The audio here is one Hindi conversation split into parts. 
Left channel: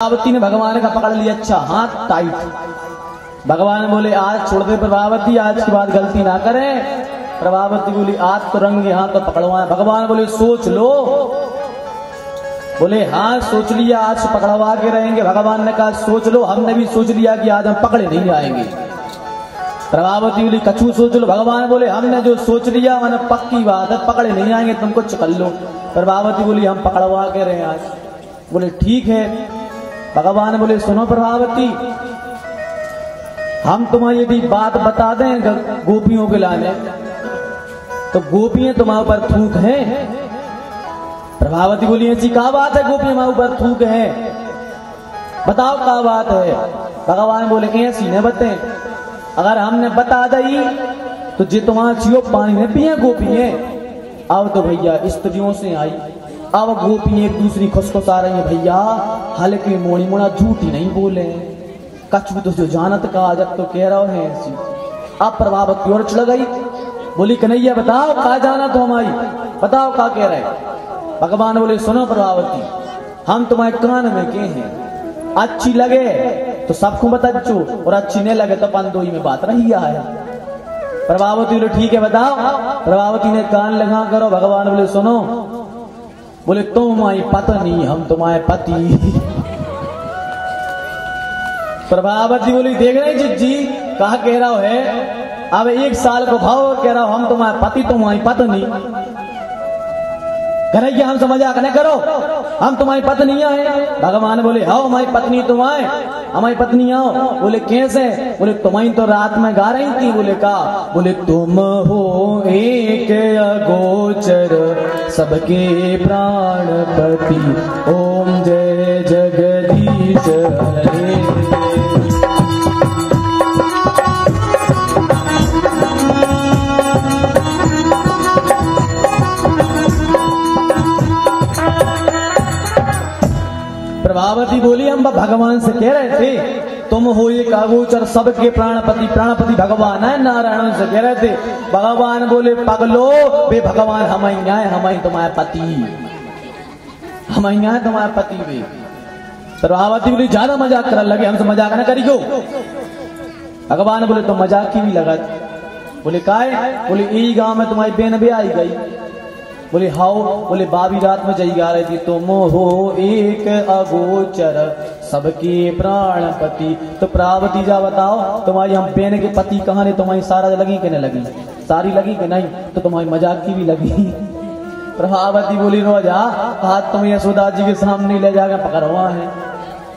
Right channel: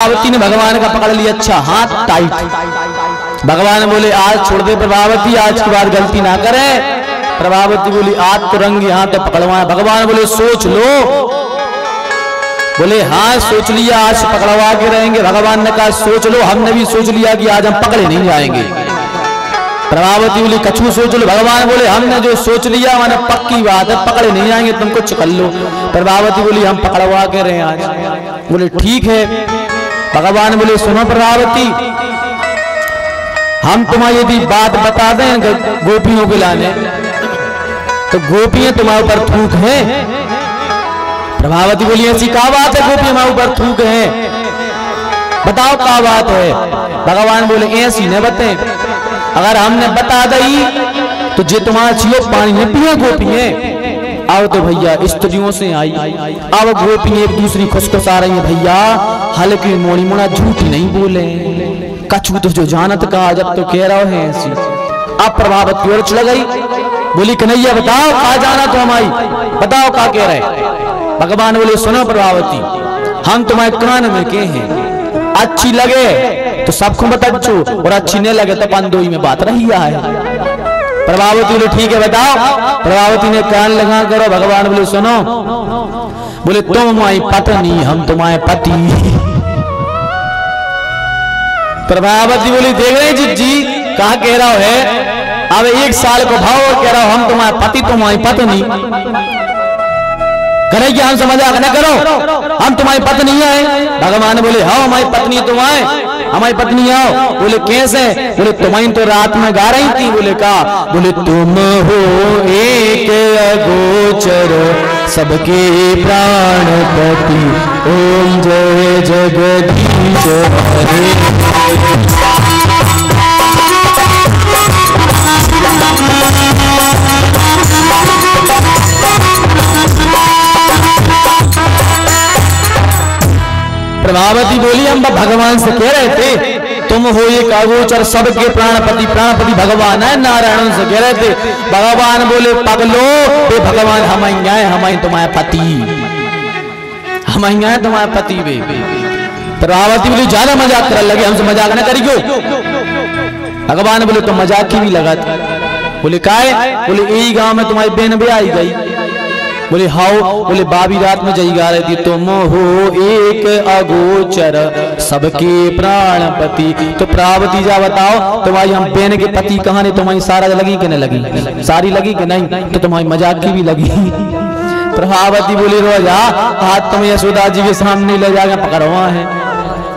प्रभावती ने भगवान का पकड़ लिया, अच्छा हाथ टाइट। भगवान बोले आज छोड़ दे प्रभावती, आज की बात गलती ना करे। प्रभावती बोली आज तो रंगे हाथ पकड़वा। भगवान बोले सोच लो। बोले हाँ सोच लिया, आज पकड़वा के रहेंगे। भगवान ने कहा सोच लो, हमने भी सोच लिया कि आज हम पकड़े नहीं जाएंगे। प्रभावती बोली कछु सोच लो। भगवान बोले हमने जो सोच लिया मैंने पक्की बात है, पकड़े नहीं जाएंगे, तुम कुछ कर लो। प्रभावती बोली हम पकड़वा के रहे आज। बोले ठीक है। भगवान बोले सुनो प्रभावती, हम तुम्हें यदि बात बता दें गोपियों के लाने, तो गोपियां तुम्हारे ऊपर थूक है। प्रभावती बोली ऐसी क्या बात है, गोपी हमारे ऊपर थूक है, बताओ क्या बात है। भगवान बोले ऐसी न बते, अगर हमने बता दी तो जे तुम्हारा छियो पानी नहीं पिए गोपियां। आओ तो भैया स्त्रियों से आई, आओ गोपी एक दूसरी खुशखुशा रही है भैया, हल्के मोनी मोना झूठ नहीं बोले, कछु तो जो जानत का जब तो कह रहा है ऐसी। अब प्रभावती और चढ़ गई, बोली कन्हैया बताओ क्या जाना तो हमारी, बताओ क्या कह रहे। भगवान बोले सुना प्रभावती, हम तुम्हारे कान में के हैं, अच्छी लगे तो सबको बताओ और अच्छी नहीं लगे तो पंदोई में बात रही है। प्रभावती बोले ठीक है बताओ। प्रभावती ने कान लगा करो। भगवान बोले सुनो, बोले तुम हमारी पत्नी, हम तुम्हारे पति। प्रभावती बोली देख रहे जिज्जी कहा कह रहा है, अब एक साल को भाव और कह रहा हूं हम तुम्हारे पति तुम्हारी पत्नी। करे कि हम समझा न करो, हम तुम्हारी पत्नी है। भगवान बोले हाँ हमारी पत्नी तुम आए, हमारी पत्नी आओ। बोले कैसे? बोले तुम्हें तो रात में गा रही थी। बोले कहा? बोले तुम हो एक अगोचर सबके प्राणपति, ओम जय जगदीश हरे। प्रभावती बोली हम भगवान से कह रहे थे तुम हो एक अगोचर सबके प्राणपति, प्राणपति भगवान है, नारायण से कह रहे थे। भगवान बोले पगलो ये भगवान हमारे तुम्हारे पति, हमारे तुम्हारे पति वे। प्रभावती बोली ज्यादा मजाक कर लगे, हमसे मजाक न करी क्यों। भगवान बोले तो मजाक की भी लगा। बोले काहे? बोले यही गांव में तुम्हारी बहन भी आई गई। बोले हाउ? बोले बाबी रात में जई गा रही थी तुम हो एक अगोचर सबके प्राणपति। तो प्रभावती जा बताओ तुम्हारी हम बहन के पति कहानी तुम्हारी सारा लगी कि नहीं लगी? सारी लगी कि नहीं? तो तुम्हारी मजाक की भी लगी। प्रभावती बोली रोजा हाथ तुम्हें यशोदा जी के सामने ले जाकर पकड़वा है,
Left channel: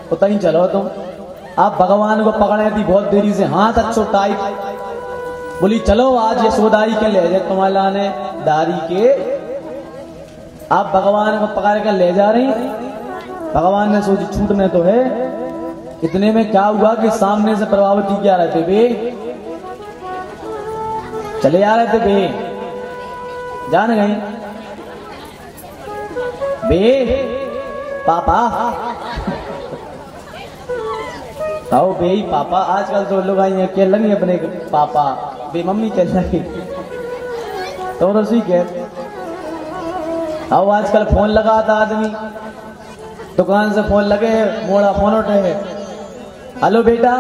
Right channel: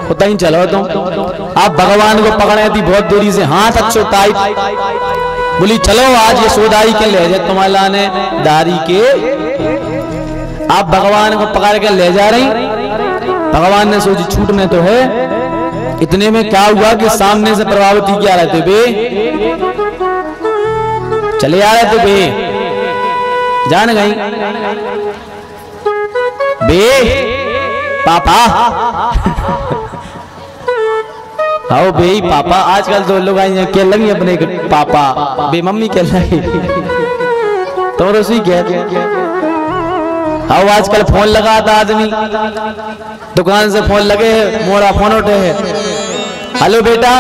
होता ही चलो तुम। आप भगवान को पकड़े थी बहुत दूरी से, हाथ अच्छो टाइट। बोली चलो आज यशोदाई के ले जाए तुम्हारे लाने दारी के। आप भगवान को पकड़ के ले जा रही। भगवान ने सोची छूटने तो है। इतने में क्या हुआ कि सामने से प्रभावती क्या रहे थे बे, चले आ रहे थे बे, जान गई बे पापा। आओ बे पापा, आजकल तो लोग आई क्या लगी अपने पापा बे मम्मी क्या लगी तो रसोई क्या। हाँ आजकल फोन लगा था आदमी, दुकान से फोन लगे मोड़ा फोन उठे है, हेलो बेटा,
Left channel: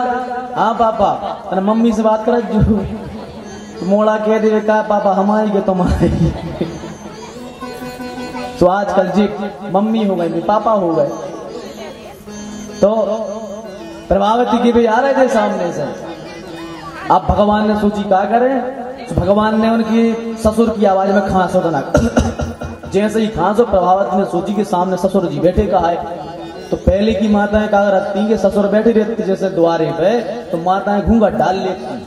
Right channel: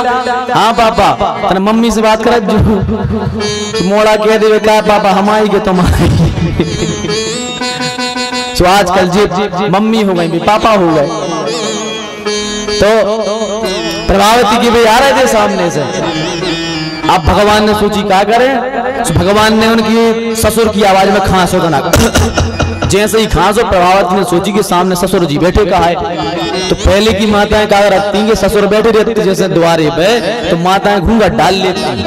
हाँ पापा, तेरे मम्मी से बात कर जो मोड़ा कह दे क्या पापा हमारी के तुम्हारी। तो आजकल जी मम्मी हो गई पापा हो गए। तो प्रभावती के भाई आ रहे थे सामने से। अब भगवान ने सोची क्या करें, तो भगवान ने उनकी ससुर की आवाज में खांसो बना। जैसे ही खांसो प्रभावती ने सोची कि सामने ससुर जी बैठे कहा है। तो पहले की माताएं कहा रखती कि ससुर बैठे रहते जैसे द्वारे पे, तो माताएं घूंघट डाल लेती।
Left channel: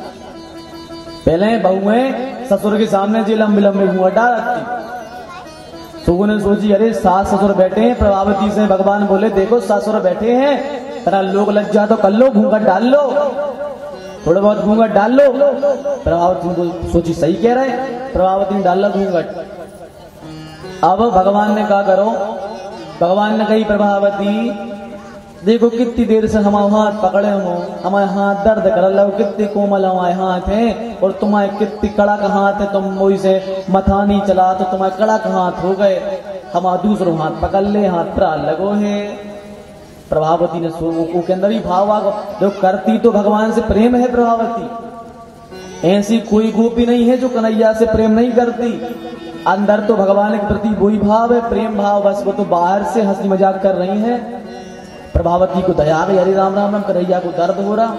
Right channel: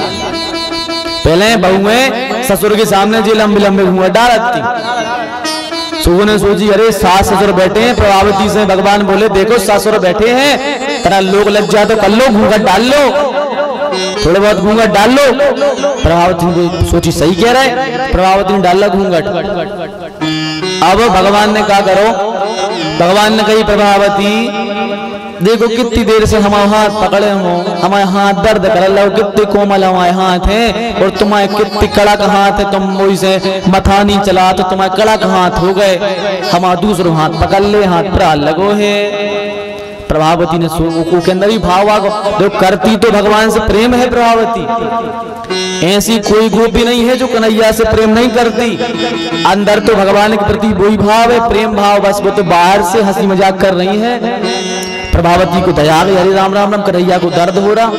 पहले बहुएं ससुर के सामने जी लंबे लंबे घूंघट डाल रखती। सुबह ने सोची अरे सास ससुर बैठे हैं। प्रभावती से भगवान बोले देखो ससुर बैठे हैं, तेरा लोग लग जाए तो कर लो, घूंघट डाल लो, थोड़े बहुत घूंघट डाल लो। प्रभावती ने सोची सही कह रहे। प्रभावती ने डाला घूंघट। अब भगवान ने कहा करो, भगवान ने कही प्रभावती देखो कितनी देर से हमारे हाथ पकड़े हो, हमारे हाथ दर्द कर लो, कितने कोमल हमारे हाथ हैं और तुम्हारे कितने कड़क हाथ है, तुम वही से मथा नहीं चला तो तुम्हारे कड़क हाथ हो गए, हमारा दूसरों हाथ पकड़ ले, हाथ पर लगो है। प्रभावती ने के अंदर भी भाव आ जो करती तो भगवान से प्रेम है प्रभावती। ऐसी कोई गोपी नहीं है जो कन्हैया से प्रेम नहीं करती। अंदर तो भगवान के प्रति वही भाव है, प्रेम भाव, बस वो तो बाहर से हंसी मजाक कर रही है। प्रभावती को दया भी, हरे राम राम राम, कन्हैया को दर्द हो रहा।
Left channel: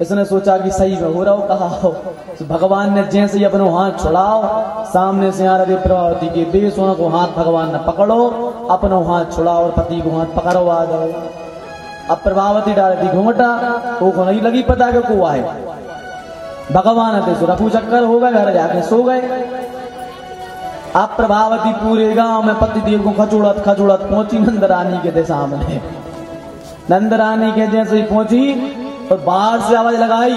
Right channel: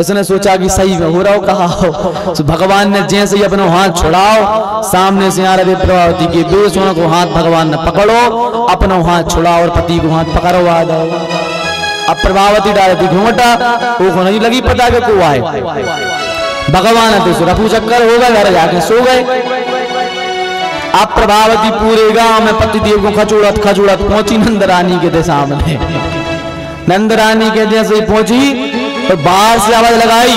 इसने सोचा कि सही में हो रहा हो कहा हो। तो भगवान ने जैसे ही अपना हाथ छुड़ाओ, सामने से आ रहे प्रभावती के बेसुनों को हाथ भगवान ने पकड़ो, अपना हाथ छुड़ाओ और पति को हाथ पकड़वा दो। अब प्रभावती डालती घूमटा, वो नहीं लगी पता कि को आए भगवान है तो रफू चक्कर होगा, घर जाके सो गए। अब प्रभावती पूरे गांव में पतिदेव को खचोड़त खचोड़त पहुंची नंद रानी के दे सामने। नंद रानी के जैसे ही पहुंची तो बाहर से आवाज लगाई,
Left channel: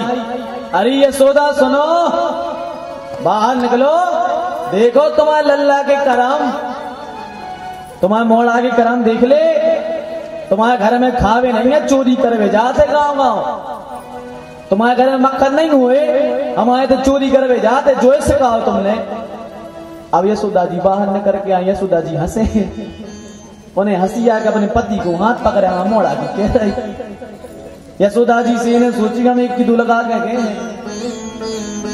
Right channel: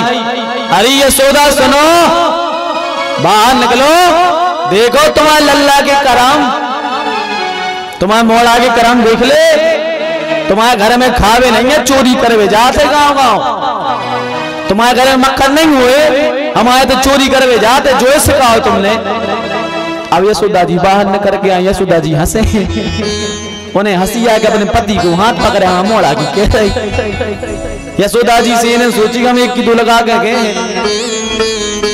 अरे यशोदा सुनो, बाहर निकलो, देखो तुम्हारे लल्ला के करम, तुम्हारे मोड़ा के करम देख ले। तुम्हारे घर में खावे नहीं है, चोरी करवे जाते गांव गांव। तुम्हारे घर में मक्खन नहीं हुए, हमारे तो चोरी करवे जाते, जो सिखाओ तुमने। अब यशोदा जी बाहर न करके आई। यशोदा जी हंसे, उन्हें हंसी आ के अपने पति को हाथ पकड़े, मोड़ा की कह रही। यशोदा जी से ने सोची कि हम एक की दो लगा के गए हैं।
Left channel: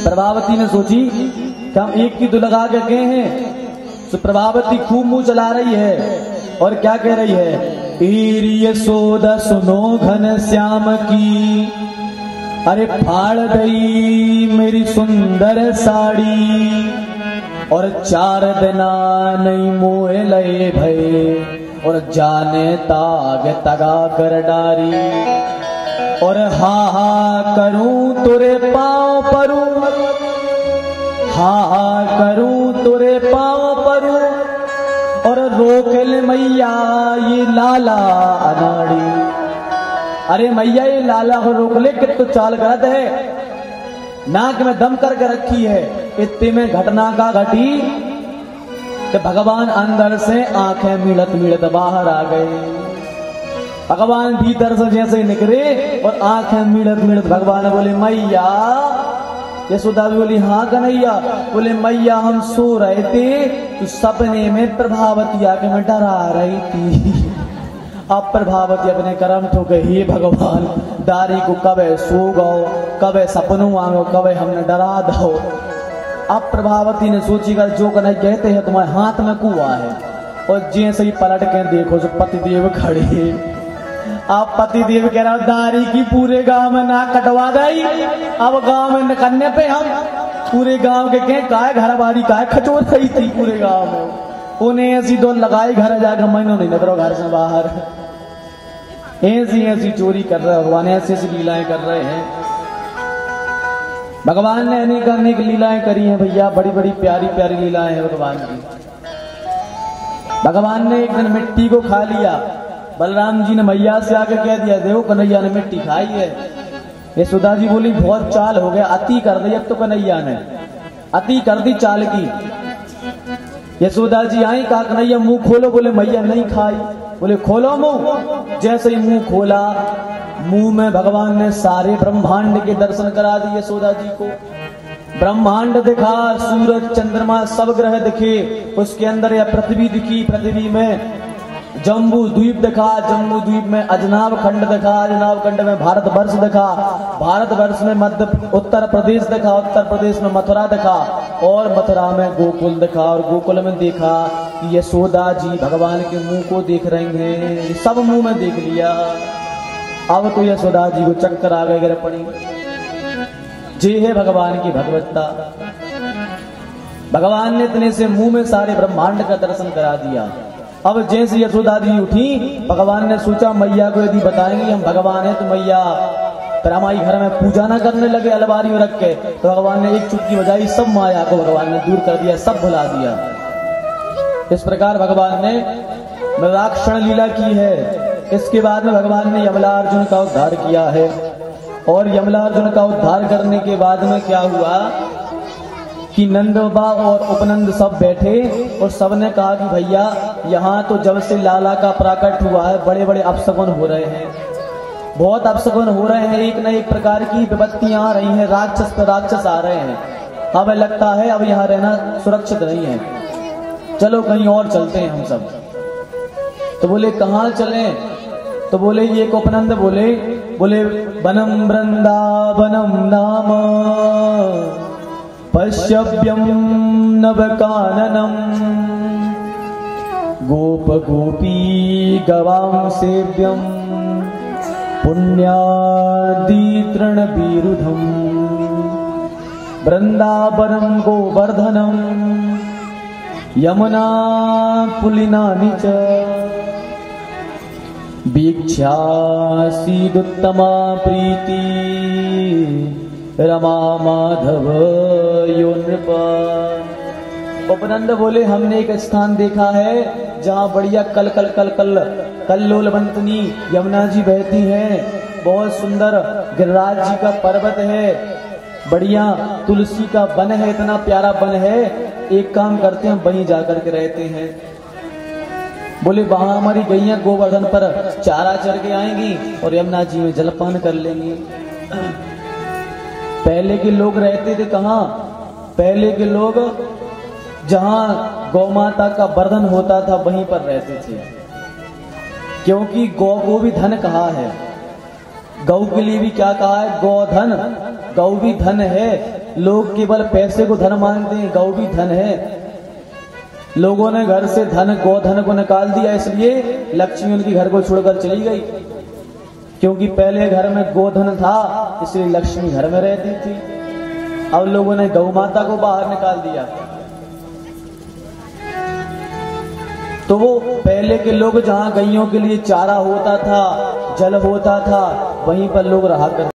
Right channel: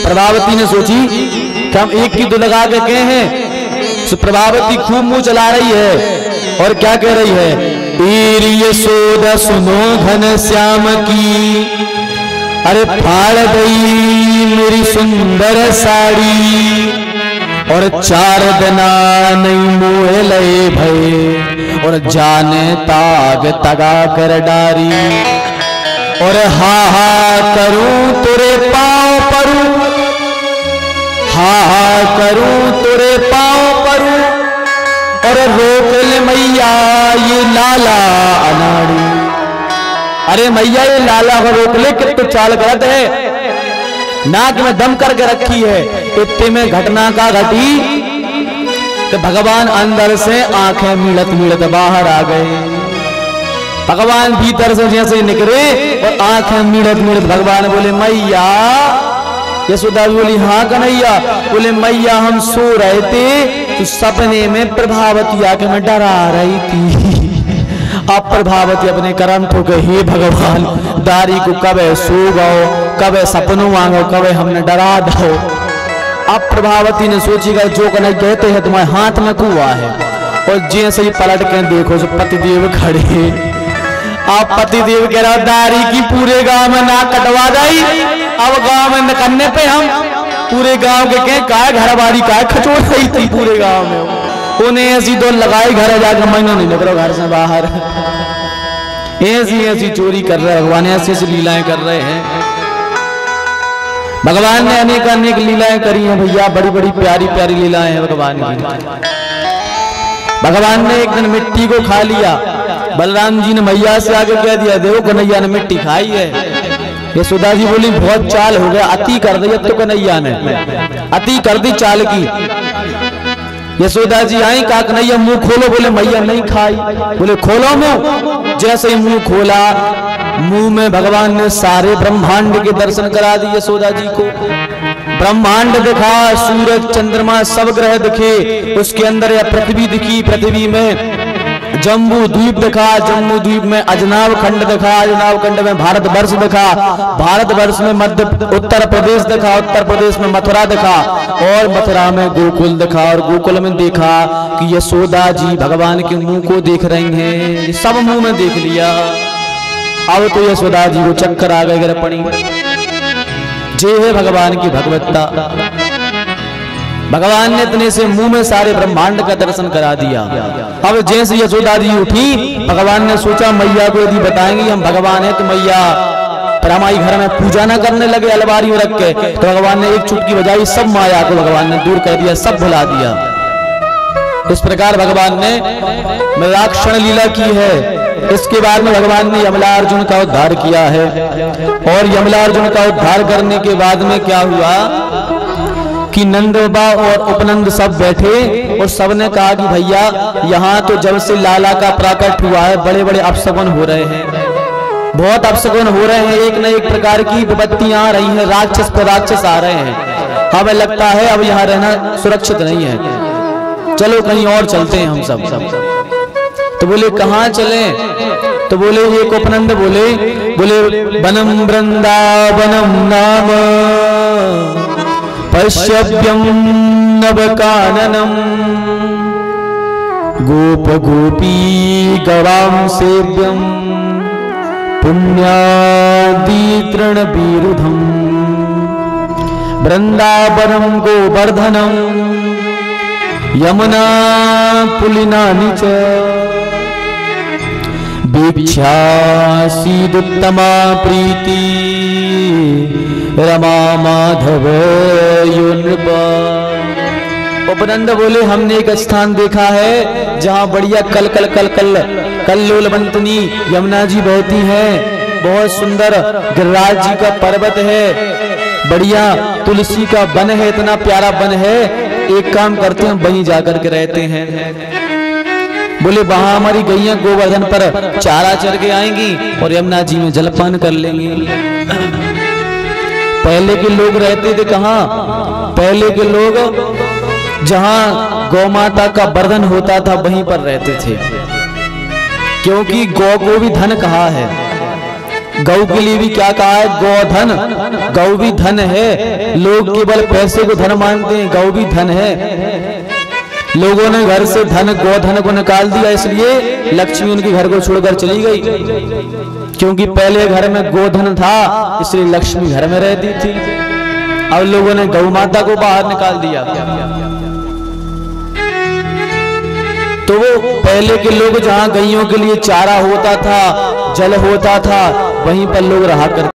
प्रभावती ने सोची कि हम एक की दो लगा के गए हैं। तो प्रभावती खूब मुंह चला रही है और क्या कह रही है, पीर यशोदा सुनो घन श्याम की, अरे फाड़ गई मेरी सुंदर साड़ी, और 4 दिना नहीं मोह लए भये, और जाने ताग तगा कर डारी, और हा हा करूं तुरे पाँव परू, हा हा करूं तुरे पाँव परू, और रोक ले मैया ये लाला अनाड़ी। अरे मैया ये लाला को रोक ले, कितने चाल गलत है, नाक में दम करके रखी है। इतने में घटना का घटी कि भगवान अंदर से आंखें मिलत मिलत बाहर आ गए। भगवान भीतर से जैसे निकले और आंखें मिलत मिलत भगवान बोले मैया। यशोदा बोली हाँ कन्हैया। बोले मैया हम सो रहे थे तो सपने में प्रभावती आके मैं डरा रही थी। अब प्रभावती अपने कर्म ठोके, हे भगवान दारी को कबे सो गो, कबे सपनों मांगो, कबे हमने डरा दो। अब प्रभावती ने सोची गई जो कन्हैया कहते हैं तुम्हारे हाथ में कुआ है, और जैसे ही पलट के देखो जो पतिदेव खड़े। अब पतिदेव कह रहा दारी की पूरे गांव में नाक कटवा गई। अब गांव में करने पे हम पूरे गांव के कहें का घर बाड़ी का खचोड़ रही थी पूरे गांव में। उन्हें ऐसी दो लगाई घर जाकर महीनों नहीं निकलो घर से बाहर। ऐसी ऐसी चोरी कर रहे हैं भगवान, ऐसी ऐसी लीलाएं कर रहे हैं भगवान ने। अनेक अनेक लीलाएं करी हैं भैया, बड़ी बड़ी प्यारी प्यारी लीलाएं हैं भगवान की। भगवान ने एक दिन मिट्टी को खा लिया। बलराम जी ने मैया से आगे कह दिया देखो कन्हैया ने मिट्टी खाई है। यशोदा जी बोली बहुत चाल हो गया, अति कर दी अब तो कन्हैया ने, अति कर दी चाल की। यशोदा जी आई, कहा कन्हैया मुंह खोलो। बोले मैया नहीं खाई। बोले खोलो मुंह। जैसे ही मुंह खोला, मुंह में भगवान ने सारे ब्रह्मांड के दर्शन करा दिए यशोदा जी को। ब्रह्मांड दिखा, सूरज चंद्रमा सब ग्रह दिखे, उसके अंदर यह पृथ्वी दिखी, पृथ्वी में जम्बू द्वीप दिखा, जम्बू द्वीप में अजनाब खंड दिखा, अजनाब खंड में भारत वर्ष दिखा, भारत वर्ष में मध्य उत्तर प्रदेश दिखा, उत्तर प्रदेश में मथुरा दिखा, और मथुरा में गोकुल दिखा, और गोकुल में देखा कि यशोदा जी भगवान के मुंह को देख रही हैं। सब मुंह में देख लिया। अब तो यशोदा जी को चक्कर आ गए, गिर पड़ी। जे है भगवान की भगवत्ता। भगवान ने इतने से मुंह में सारे ब्रह्मांड का दर्शन करा दिया। अब जैसे यशोदा जी उठी, भगवान ने सोचा मैया को यदि बताएंगे हम भगवान है तो मैया फिर हमारी घर में पूजा ना करने लगे अलमारी में रख के। तो भगवान ने एक चुटकी बजाई, सब माया को भगवान ने दूर कर दिया, सब भुला दिया। इस प्रकार भगवान ने मयाक्षण लीला की है। इसके बाद में भगवान ने यमलार्जुन का उद्धार किया है, और यमलार्जुन का उद्धार करने के बाद में क्या हुआ कि नंदबा और उपनंद सब बैठे, और सबने कहा कि भैया यहाँ तो जब से लाला का प्राकट हुआ है बड़े बड़े अपशगुन हो रहे हैं, बहुत अपशगुन हो रहे हैं, एक न एक प्रकार की विपत्तियां आ रही हैं, राक्षस पर राक्षस आ रहे हैं। हमें लगता है अब यहाँ रहना सुरक्षित नहीं है, चलो कहीं और चलते हैं हम सब। तो बोले कहाँ चले? तो बोले ये उपनंद बोले वनम वृंदावनम नाम पश्यव्यम नवकाननम गोप गोपी गवाम सेव्यम पुण्यादि तृणबीरुधम वृंदावनम गोवर्धनम यमुना पुलिनानि च वीक्षासीदुत्तमा प्रीति रमा माधव युनृपा। उपनंद बोले हमने एक स्थान देखा है जहाँ बढ़िया कल कल कल कल कल्लोलवंतनी यमुना जी बहती हैं, बहुत सुंदर गिरिराज जी का पर्वत है, बढ़िया तुलसी का वन है, इतना प्यारा वन है। एक काम करते हैं वहीं जाकर के रहते हैं। बोले वहां हमारी गैया गोवर्धन पर चारा चर के आएंगी और यमुना जी में जलपान कर लेंगे। पहले के लोग रहते थे कहाँ? पहले के लोग जहां गौ माता का वर्धन होता था वहीं पर रहते थे, क्योंकि गौ को भी धन कहा है, गौ के लिए भी क्या कहा है? गोधन। गौ भी धन है, लोग केवल पैसे को धन मानते हैं, गौ भी धन है। लोगों ने घर से धन गोधन को निकाल दिया, इसलिए लक्ष्मी उनके घर को छोड़कर चली गई, क्योंकि पहले घर में गोधन था इसलिए लक्ष्मी घर में रहती थी। अब लोगों ने गौ माता को बाहर निकाल दिया। तो वो पहले के लोग जहां गैयों के लिए चारा होता था, जल होता था, वहीं पर लोग रहा करते